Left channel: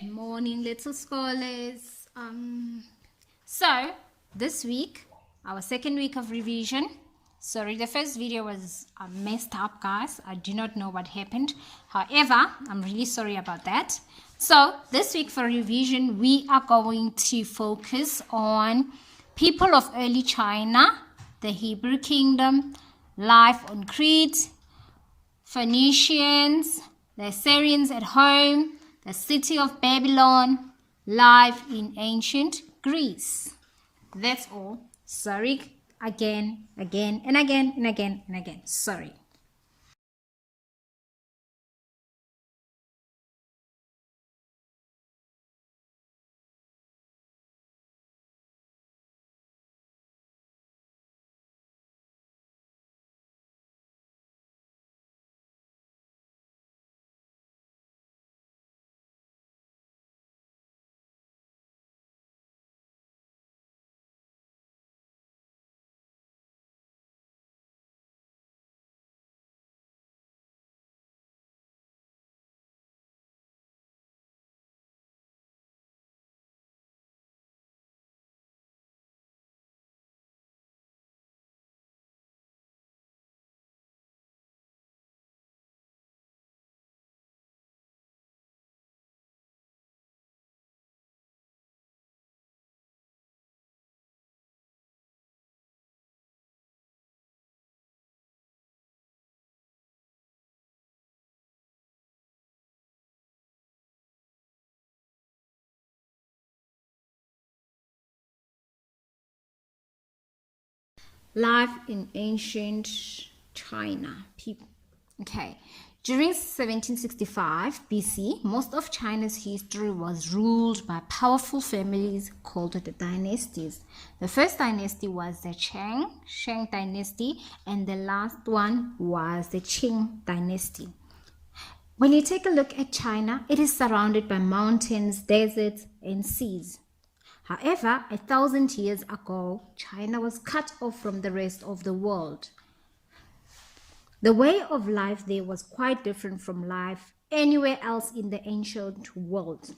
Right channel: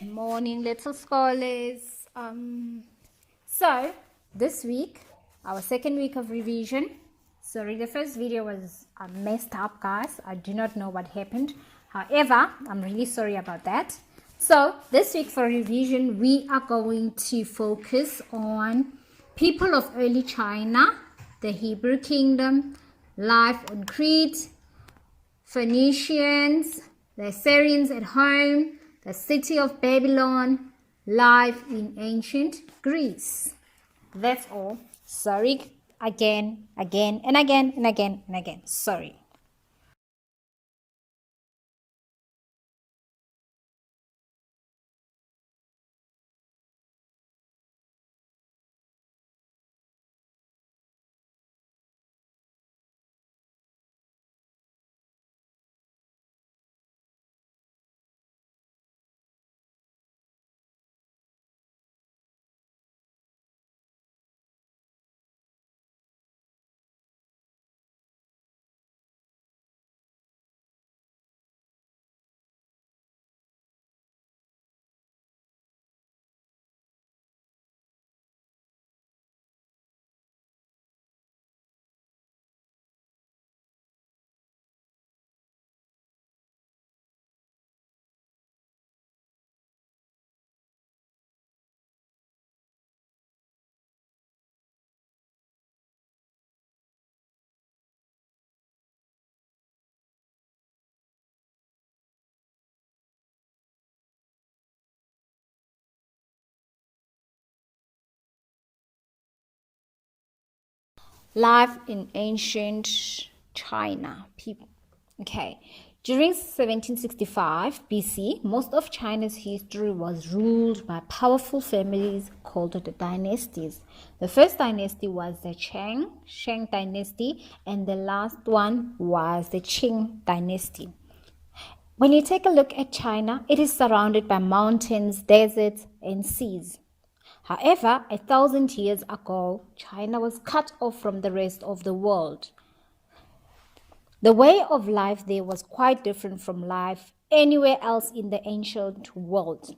Good morning, little scholars. So this week, our second week of revision. Sorry, the first video was messed up, guys. I do not know what happened. However, I'm really sorry about that. So this week for revision, we are going to focus on people of early China, the Hebrew Kingdom, life on Crete, Phoenicians, the Assyrians at home, the city of Babylon, life in ancient Greece. That's all. Sorry again. Sorry. Life in ancient China. Okay. During 1765 BC, most of China's history was ruled by powerful families called the dynasties. The first dynasty was the Shang dynasty, and the last one was the Qing dynasty. When you take a look at China, it is surrounded by mountains, deserts, and seas. However, 1,000 years ago, China was cut off from the rest of the world. The way of life there was quite different from life anywhere else in the ancient world.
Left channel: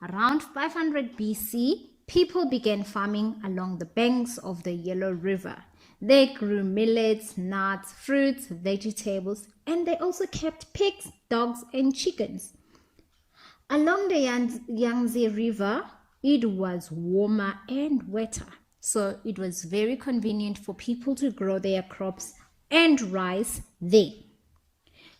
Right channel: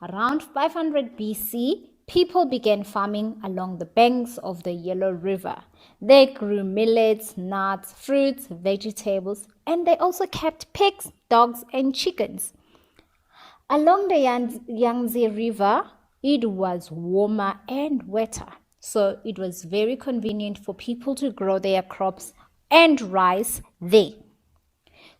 Around 500 BC, people began farming along the banks of the Yellow River. They grew millets, nuts, fruits, vegetables, and they also kept pigs, dogs, and chickens. Along the Yangtze River, it was warmer and wetter, so it was very convenient for people to grow their crops and rice there.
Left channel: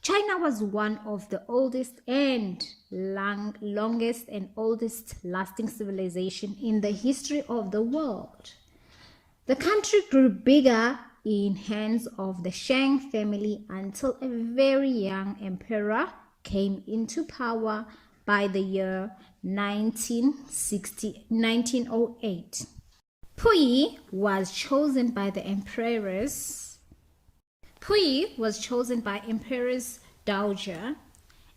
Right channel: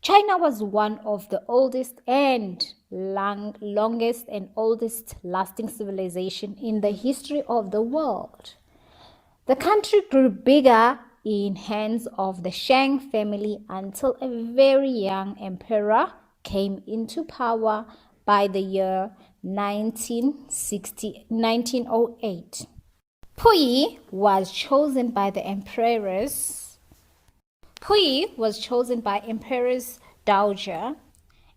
China was one of the oldest and longest and oldest lasting civilization in the history of the world. The country grew bigger in hands of the Shang family until a very young emperor came into power by the year 1908. Puyi was chosen by Empress Dowager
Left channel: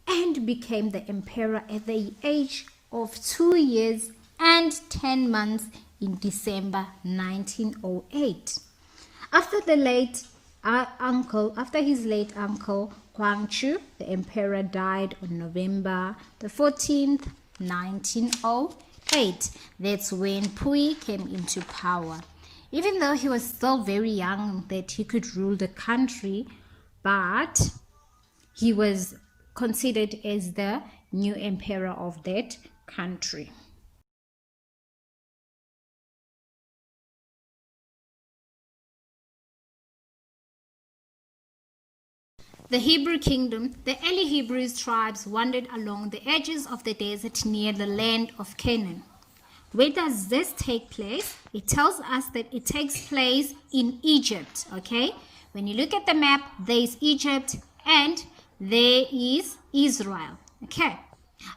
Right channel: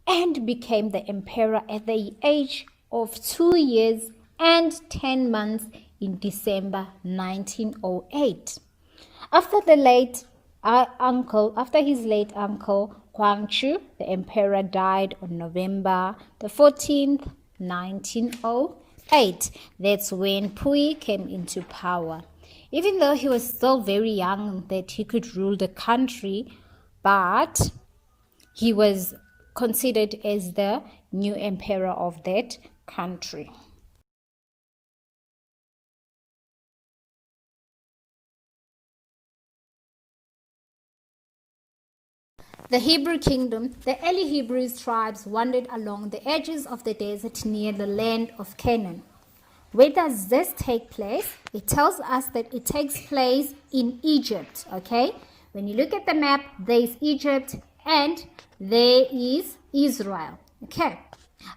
and became the emperor at the age of 2 years and 10 months in December 1908. After his late uncle Guangxu, the emperor died on November the 14th, 1908. That's when Puyi came into power. Even though he was still very young that he could rule the country, but he was considered as the new emperor of that country. The Hebrew Kingdom. The early Hebrew tribes wandered along the edges of the desert near the land of Canaan. Where does this take place? It tells us that it takes place in Egypt, okay? When you look at the map, there is Egypt and there is Israel, okay?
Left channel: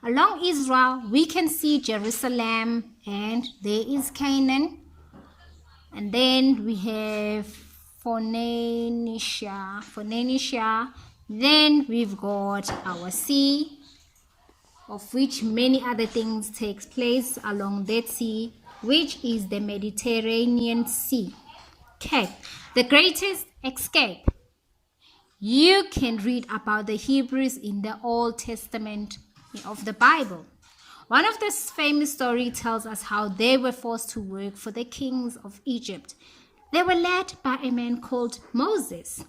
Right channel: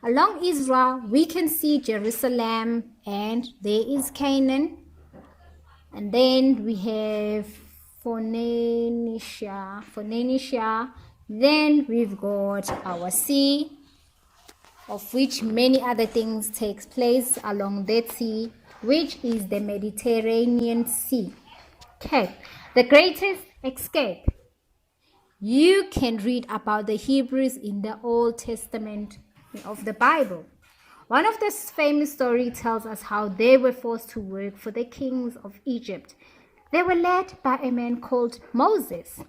Along Israel, we can see Jerusalem and there is Canaan. And then we have Phoenicia. Then we've got our sea, of which many other things takes place along that sea, which is the Mediterranean Sea. Okay, the greatest escape. You can read about the Hebrews in the Old Testament of the Bible. One of the famous stories tells us how they were forced to work for the kings of Egypt. They were led by a man called Moses.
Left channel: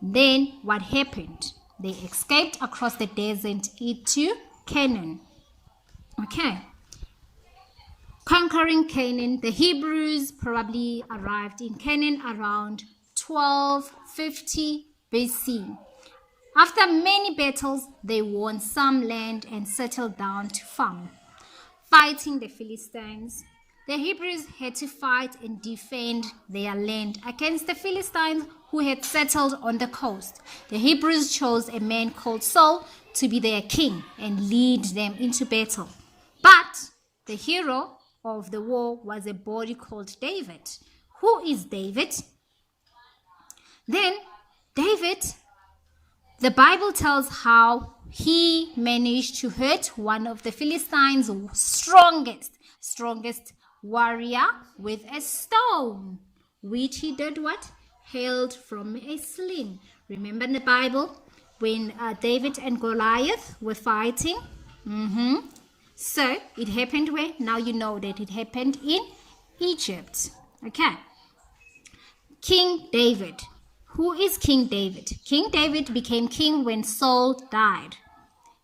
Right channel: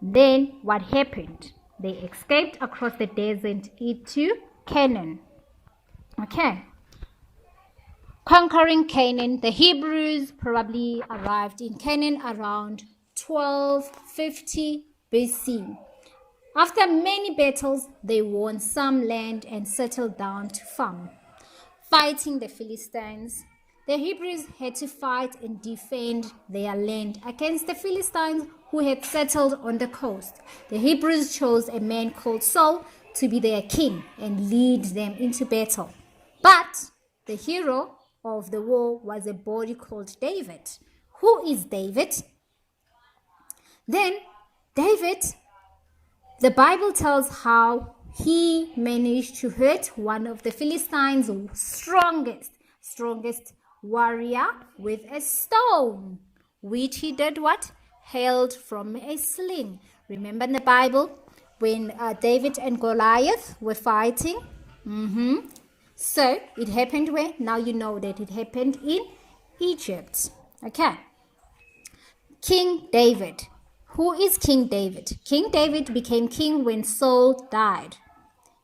Then what happened? They escaped across the desert into Canaan. Okay. Conquering Canaan, the Hebrews probably arrived in Canaan around 1250 BC. After many battles, they won some land and settled down to farm. Fighting the Philistines, the Hebrews had to fight and defend their land against the Philistines who had settled on the coast. The Hebrews chose a man called Saul to be their king and lead them into battle. But the hero of the war was a boy called David. Who is David? Then David, the Bible tells how he managed to hurt one of the Philistines' strongest warrior with a stone, which he did what? Held from a sling. Remember in the Bible when David and Goliath were fighting? So it happened where? Now you know that it happened in Egypt. Okay. King David. Who is King David? King David became king when Saul died.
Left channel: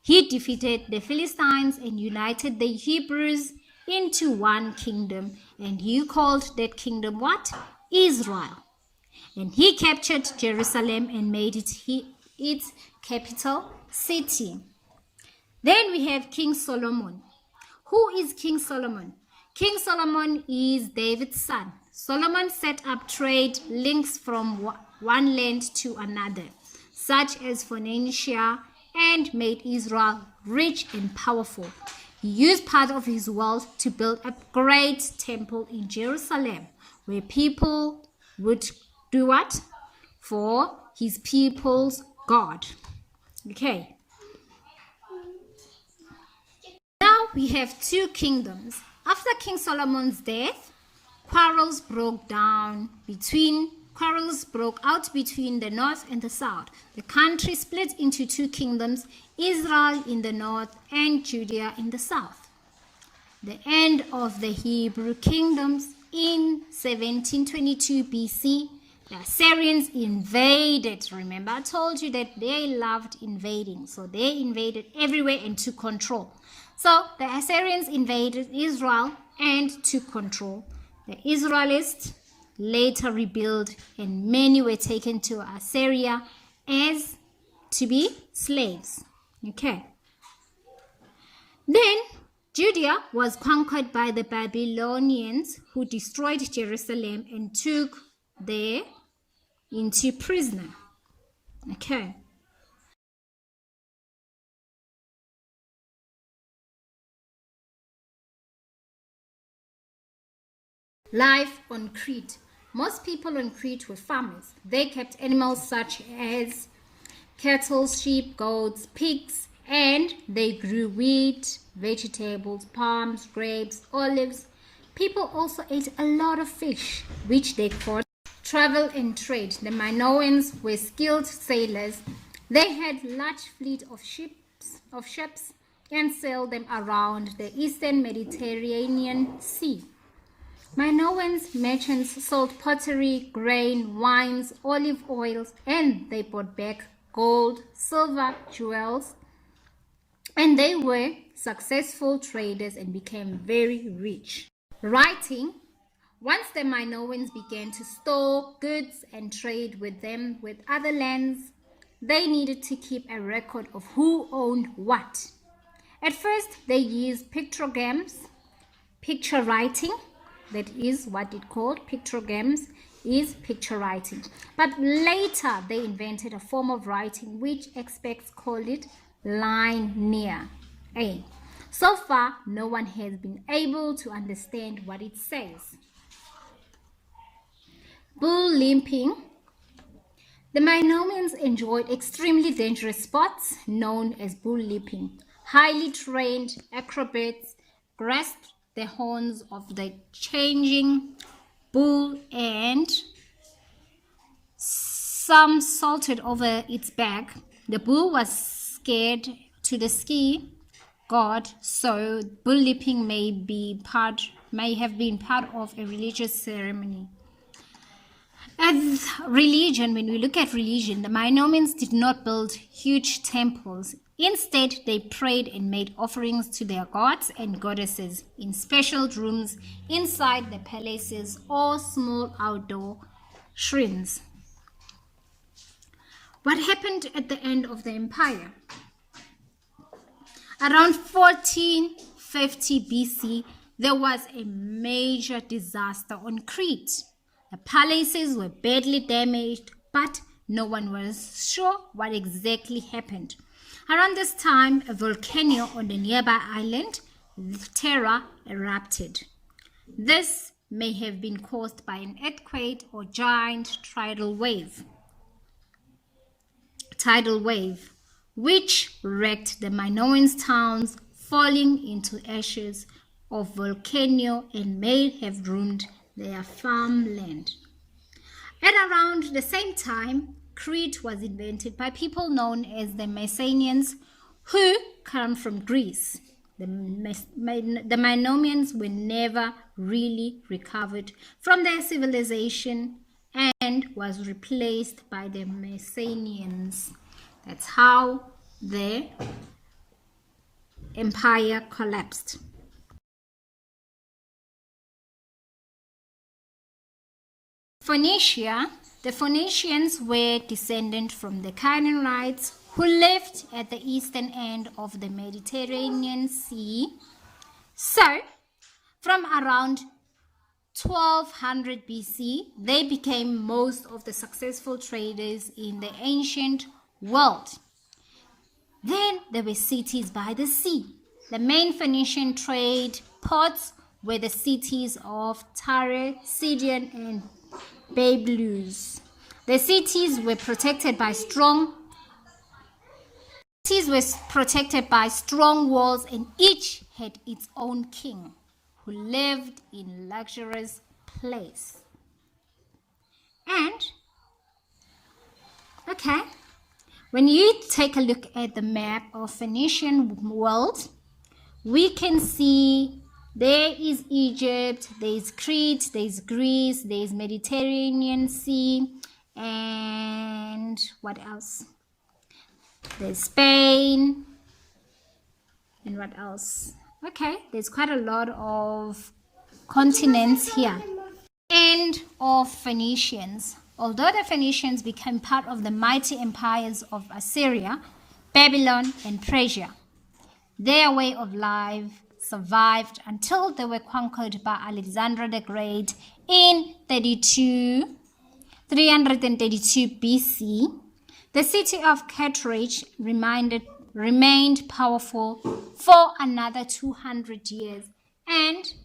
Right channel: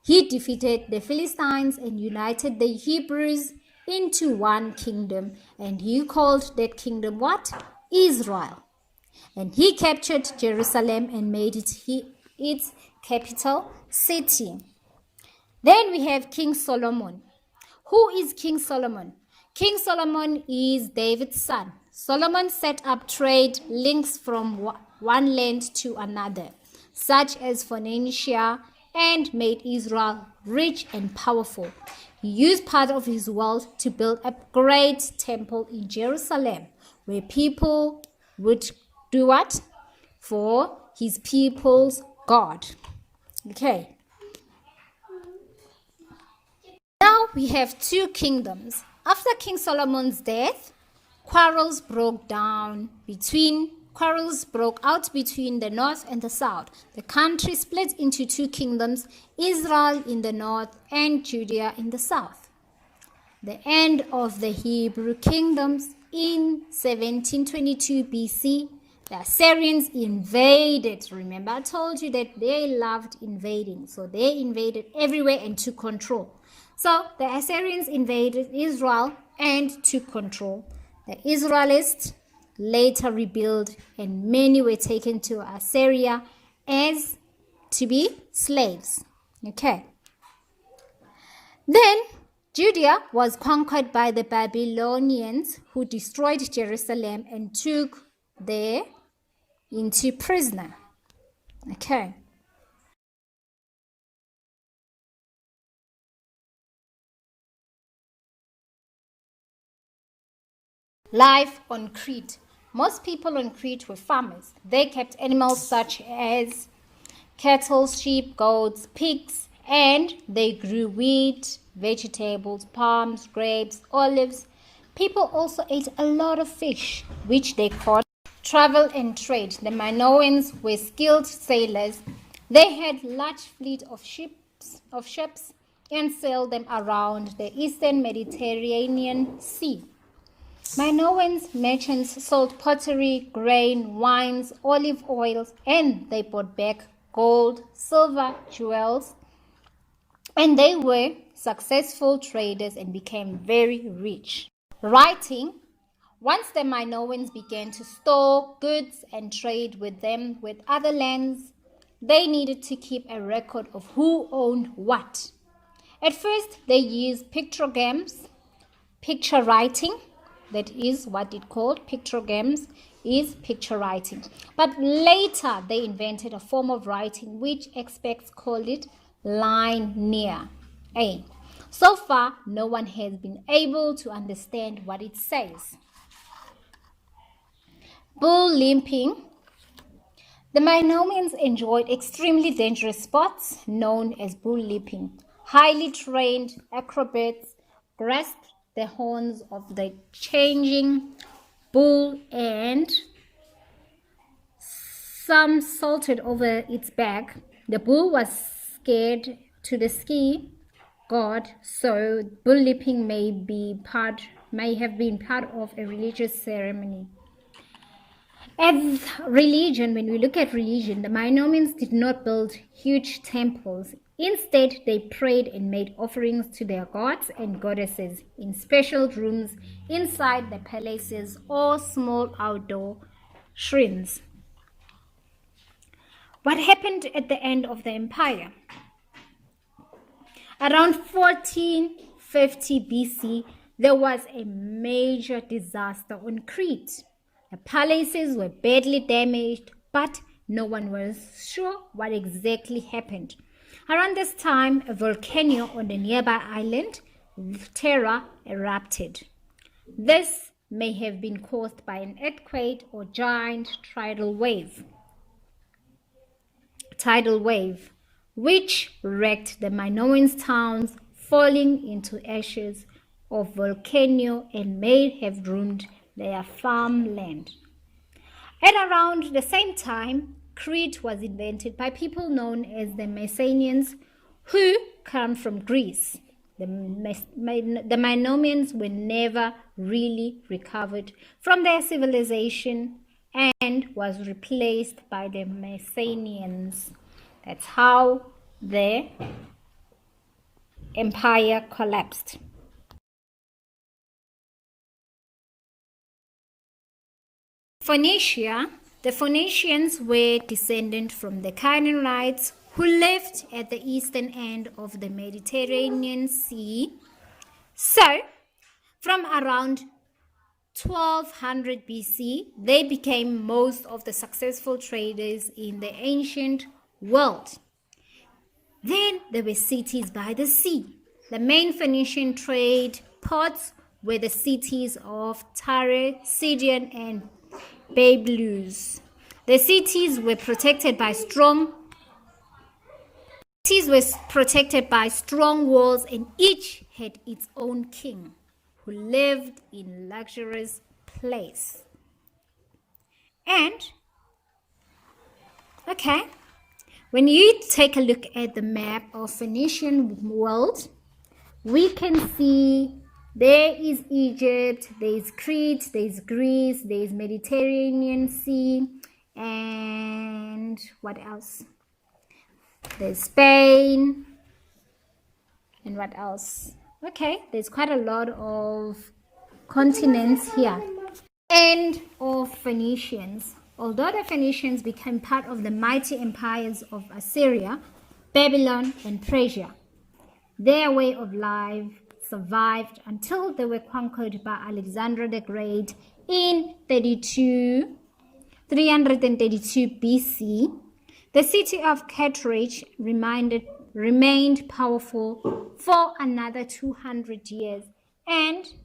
He defeated the Philistines and united the Hebrews into one kingdom, and he called that kingdom what? Israel. And he captured Jerusalem and made it its capital city. Then we have King Solomon. Who is King Solomon? King Solomon is David's son. Solomon set up trade links from one land to another, such as Phoenicia, and made Israel rich and powerful. He used part of his wealth to build a great temple in Jerusalem, where people would do what? For his people's God. Okay. Now we have two kingdoms. After King Solomon's death, quarrels broke out between the north and the south. The country split into two kingdoms, Israel in the north and Judea in the south. The end of the Hebrew kingdoms in 1722 BC, the Assyrians invaded. Remember, I told you that they loved invading. So they invaded everywhere and took control. So the Assyrians invaded Israel and took control. The Israelites later rebuilt, and many were taken to Assyria as to be slaves. Okay. Then Judea was conquered by the Babylonians, who destroyed Jerusalem and took there into prisoner. Okay. Life on Crete. Most people on Crete were farmers. They kept animals such as cattle, sheep, goats, pigs, and they grew wheat, vegetables, palms, grapes, olives. People also ate a lot of fish, which they caught. Travel and trade. The Minoans were skilled sailors. They had large fleet of ships and sailed them around the eastern Mediterranean Sea. Minoans merchants sold pottery, grain, wines, olive oils, and they brought back gold, silver, jewels, and they were successful traders and became very rich. Writing. Once the Minoans began to store goods and trade with them with other lands, they needed to keep a record of who owned what. At first, they used pictograms, picture writing. That is what it called. Pictograms is picture writing. But later, they invented a form of writing which experts call it linear. So far, no one has been able to understand what it says. Bull limping. The Minoans enjoyed extremely dangerous sports known as bull leaping. Highly trained acrobats grasped the horns of the changing bull and some salted over its back. The bull was scared to the ski god, so bull leaping may have been part of a religious ceremony. As religion, when we look at religion, the Minoans did not build huge temples. Instead, they prayed and made offerings to their gods and goddesses in special rooms inside the palaces or small outdoor shrines. What happened at the end of the empire? Around 1450 BC, there was a major disaster on Crete. The palaces were badly damaged, but no one was sure what exactly happened. Around this time, a volcano on the nearby island, Terra, erupted. This may have been caused by an earthquake or giant tidal wave, which wrecked the Minoan towns, falling into ashes of volcano and may have ruined their farmland. At around the same time, Crete was invented by people known as the Mycenaeans, who come from Greece. The Minoans were never really recovered from their civilization and was replaced by the Mycenaeans. That's how the empire collapsed. Phoenicia. The Phoenicians were descended from the Canaanites who lived at the eastern end of the Mediterranean Sea. So, from around 1200 BC, they became most of the successful traders in the ancient world. Then there were cities by the sea. The main Phoenician trade ports were the cities of Tyre, Sidon, and Byblus. The cities were protected by strong walls, and each had its own king who lived in luxurious place. And when you take a look at the map of Phoenician world, we can see there is Egypt, there is Crete, there is Greece, there is Mediterranean Sea, and what else? There's Spain, and what else? There's quite a lot of continents here. And of Phoenicians. Although the Phoenicians became part of the mighty empires of Assyria, Babylon, and Persia, their way of life survived until they were conquered by Alexander the Great in 332 BC. The city of Carthage remained powerful for another 200 years,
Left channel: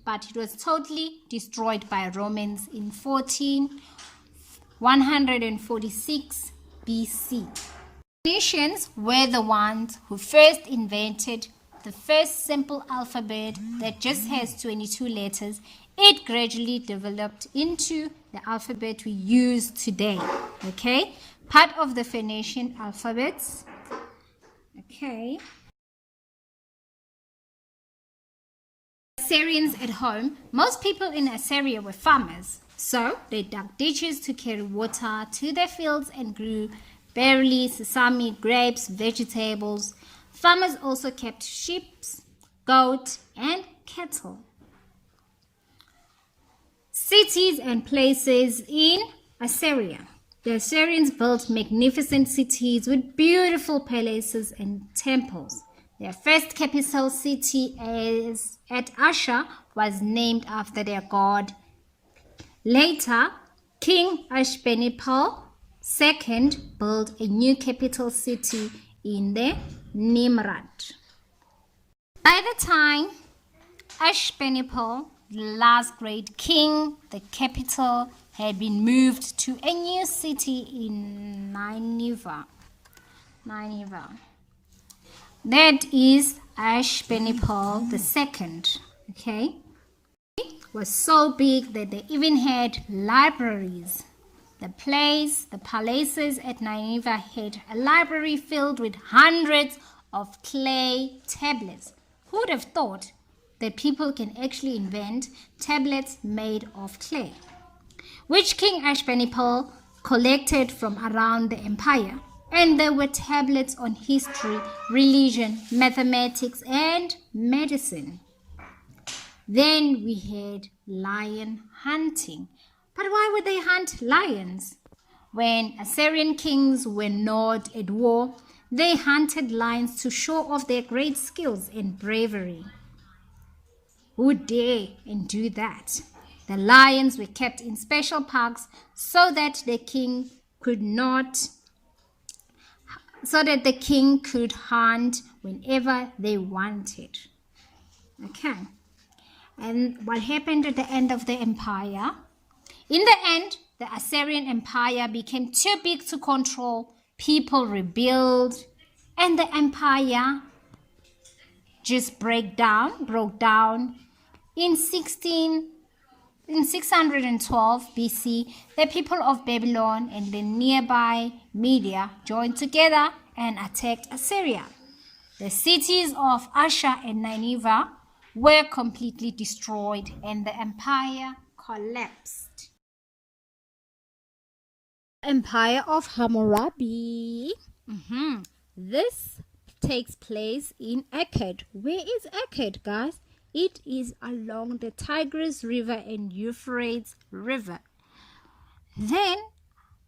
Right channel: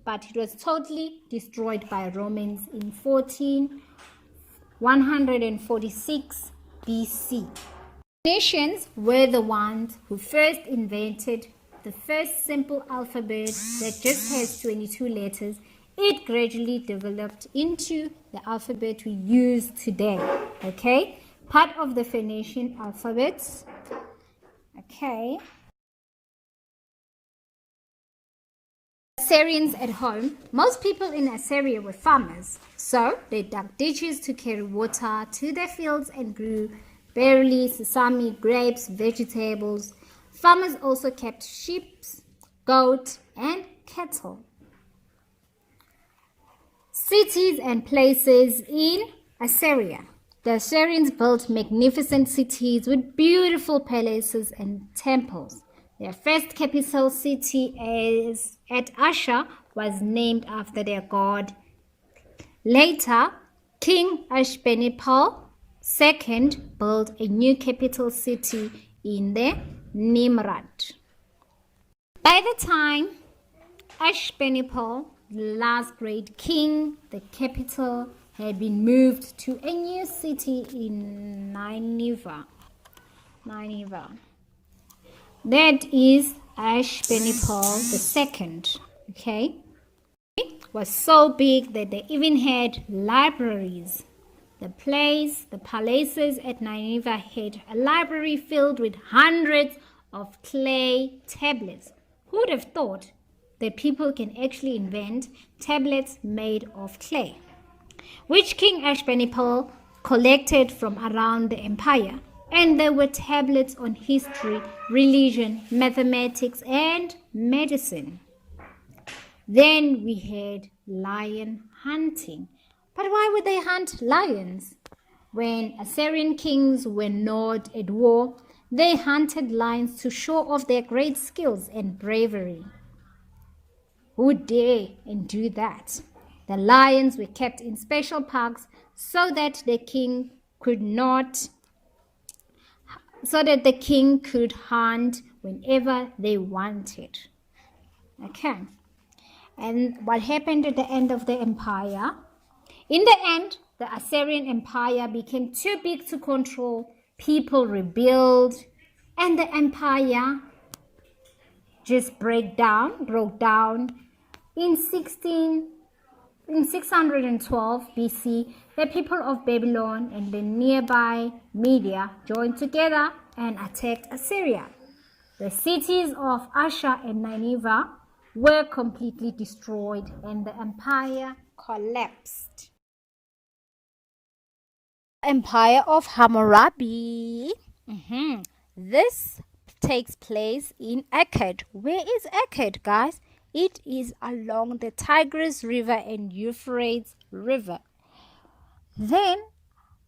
but it was totally destroyed by Romans in 146 BC. Phoenicians were the ones who first invented the first simple alphabet that just has 22 letters. It gradually developed into the alphabet we use today. Part of the Phoenician alphabets. Assyrians at home. Most people in Assyria were farmers, so they dug ditches to carry water to their fields and grew barley, sesame, grapes, vegetables. Farmers also kept sheep, goats, and cattle. Cities and places in Assyria. The Assyrians built magnificent cities with beautiful palaces and temples. Their first capital city at Ashur was named after their god. Later, King Ashurbanipal II built a new capital city in the Nimrud. By the time Ashurbanipal, the last great king, the capital had been moved to a new city in Nineveh. That is Ashurbanipal II. It was so big that they even had libraries. The palaces at Nineveh had a library filled with hundreds of clay tablets Who would have thought that people can actually invent tablets made of clay, which King Ashurbanipal collected from around the empire? And there were tablets on history, religion, mathematics, and medicine. Then we had lion hunting. But why would they hunt lions? When Assyrian kings were not at war, they hunted lions to show off their great skills and bravery. Who dare and do that? The lions were kept in special parks so that the king could hunt whenever they wanted. Okay. And what happened at the end of the empire? In the end, the Assyrian Empire became too big to control. People rebelled, and the empire just broke down. In 612 BC, the people of Babylon and the nearby Media joined together and attacked Assyria. The cities of Ashur and Nineveh were completely destroyed, and the empire collapsed. Empire of Hammurabi. This takes place in Akkad. Where is Akkad, guys? It is along the Tigris River and Euphrates River. Then,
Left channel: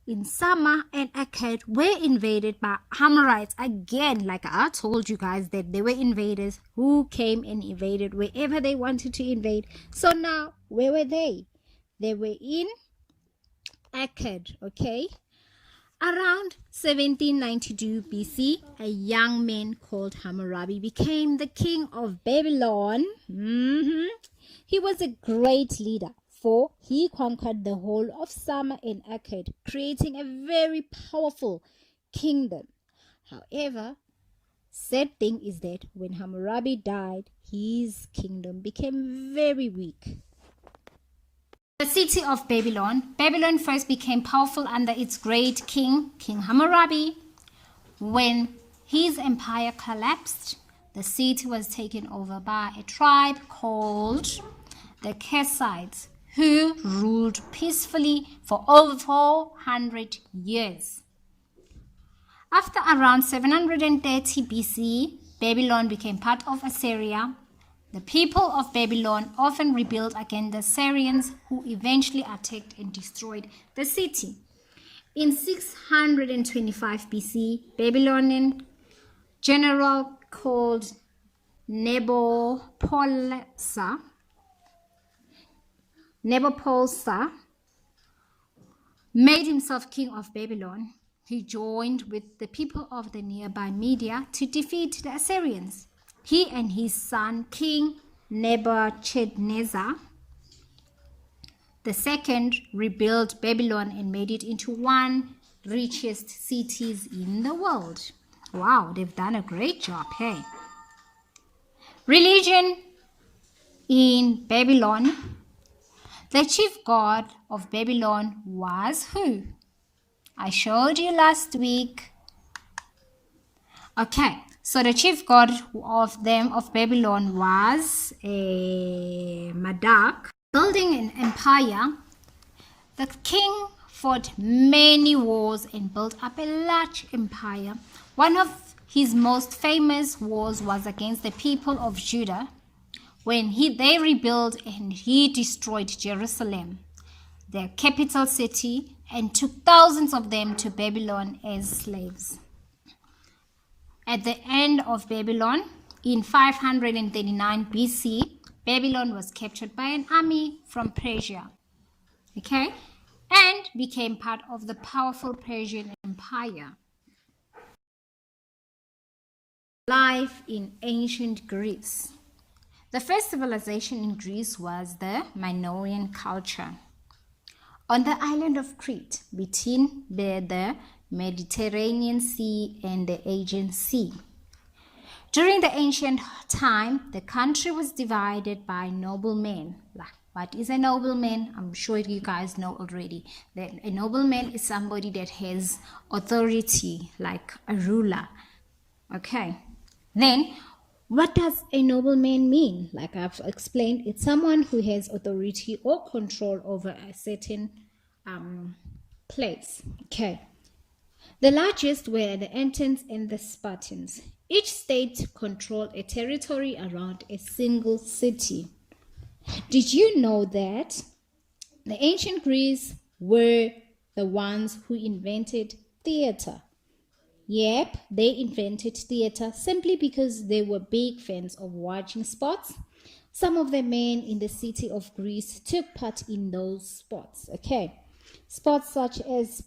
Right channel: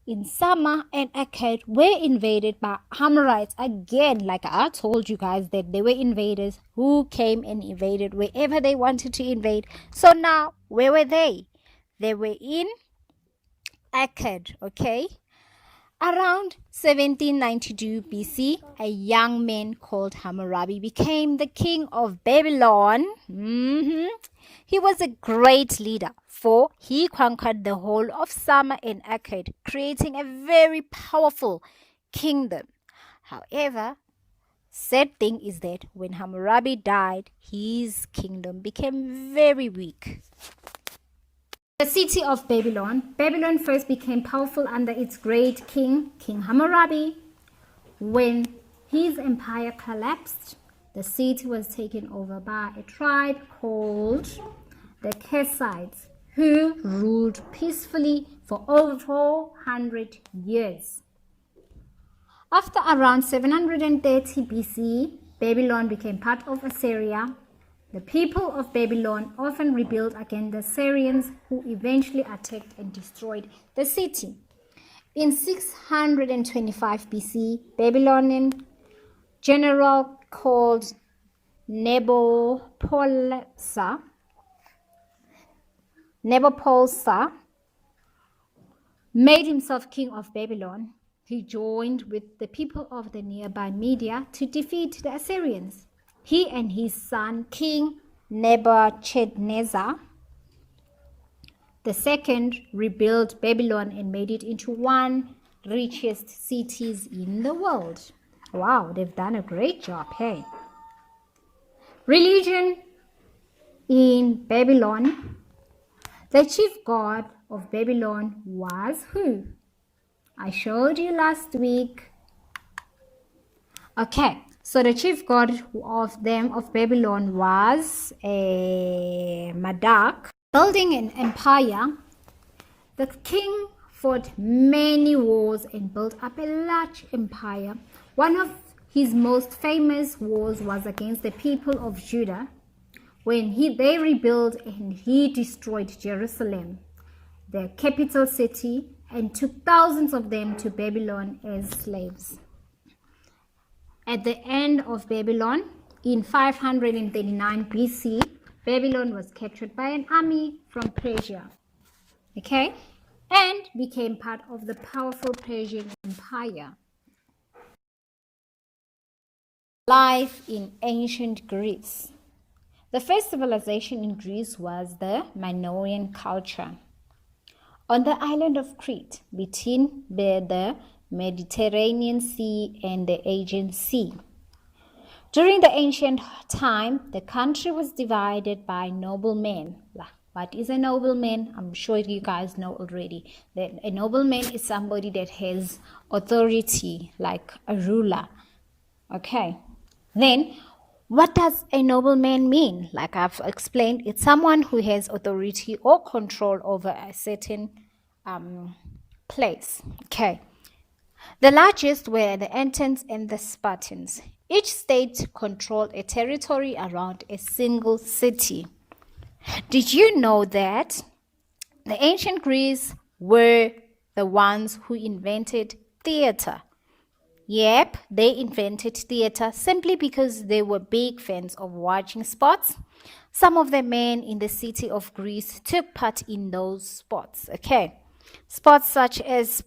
in Sumer and Akkad were invaded by Hammurites again. Like I told you guys that they were invaders who came and invaded wherever they wanted to invade. So now, where were they? They were in Akkad, okay? Around 1792 BC, a young man called Hammurabi became the king of Babylon. He was a great leader, for he conquered the whole of Sumer and Akkad, creating a very powerful kingdom. However, sad thing is that when Hammurabi died, his kingdom became very weak. The city of Babylon. Babylon first became powerful under its great king, King Hammurabi. When his empire collapsed, the city was taken over by a tribe called the Kassites, who ruled peacefully for over 400 years. After around 730 BC, Babylon became part of Assyria. The people of Babylon often rebelled against the Assyrians, who eventually attacked and destroyed the city. In 625 BC, Babylonian general called Nabopolassar made himself king of Babylon. He joined with the people of the nearby Media to defeat the Assyrians. He and his son, King Nebuchadnezzar II, rebuilt Babylon and made it into one richest cities in the world. Wow, they've done a great job, hey? Religion in Babylon. The chief god of Babylon was who? I showed you last week. Okay. So the chief god of Babylon was Marduk. Building an empire, the king fought many wars and built up a large empire. One of his most famous wars was against the people of Judah, when they rebuilt and he destroyed Jerusalem, their capital city, and took thousands of them to Babylon as slaves. At the end of Babylon, in 539 BC, Babylon was captured by an army from Persia, okay, and became part of the powerful Persian Empire. Life in ancient Greece. The first civilization in Greece was the Minoan culture. On the island of Crete, between the Mediterranean Sea and the Aegean Sea. During the ancient time, the country was divided by noblemen. What is a nobleman? I'm sure you guys know already that a nobleman is somebody that has authority, like a ruler. Okay. Then, What does a nobleman mean? Like I've explained, it's someone who has authority or control over a certain place. Okay. The largest were the Athenians and the Spartans. Each state controlled a territory around a single city. Did you know that the ancient Greeks were the ones who invented theater? Yep, they invented theater simply because they were big fans of watching sports. Some of the men in the city of Greece took part in those sports. Okay, sports such as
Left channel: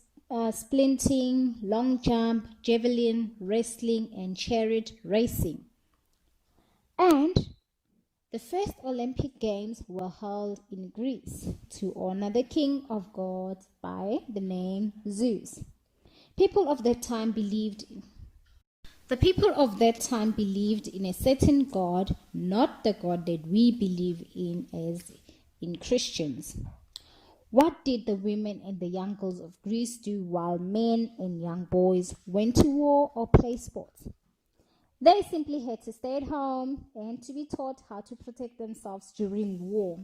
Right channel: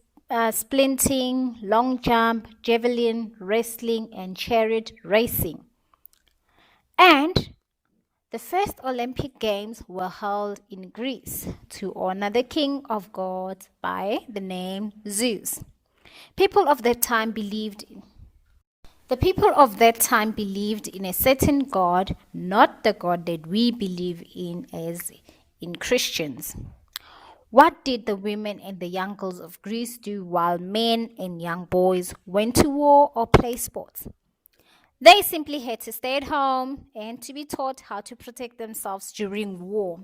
sprinting, long jump, javelin, wrestling, and chariot racing. And the first Olympic Games were held in Greece to honor the king of gods by the name Zeus. People of that time believed The people of that time believed in a certain God, not the God that we believe in as in Christians. What did the women and the young girls of Greece do while men and young boys went to war or play sports? They simply had to stay at home and to be taught how to protect themselves during war.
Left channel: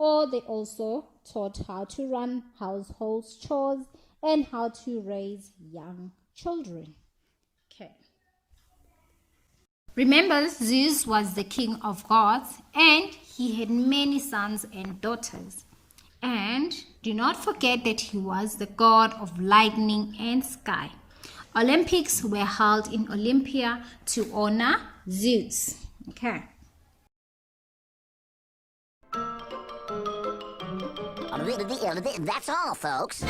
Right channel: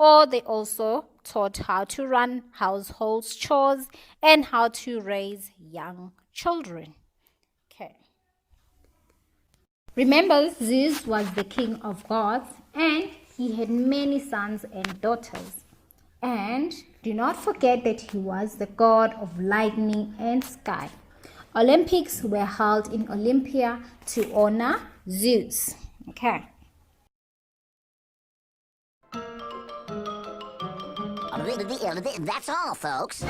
Or they also taught how to run household chores and how to raise young children. Okay. Remember, Zeus was the king of gods and he had many sons and daughters. And do not forget that he was the god of lightning and sky. Olympics were held in Olympia to honor Zeus. Okay. That's all, folks.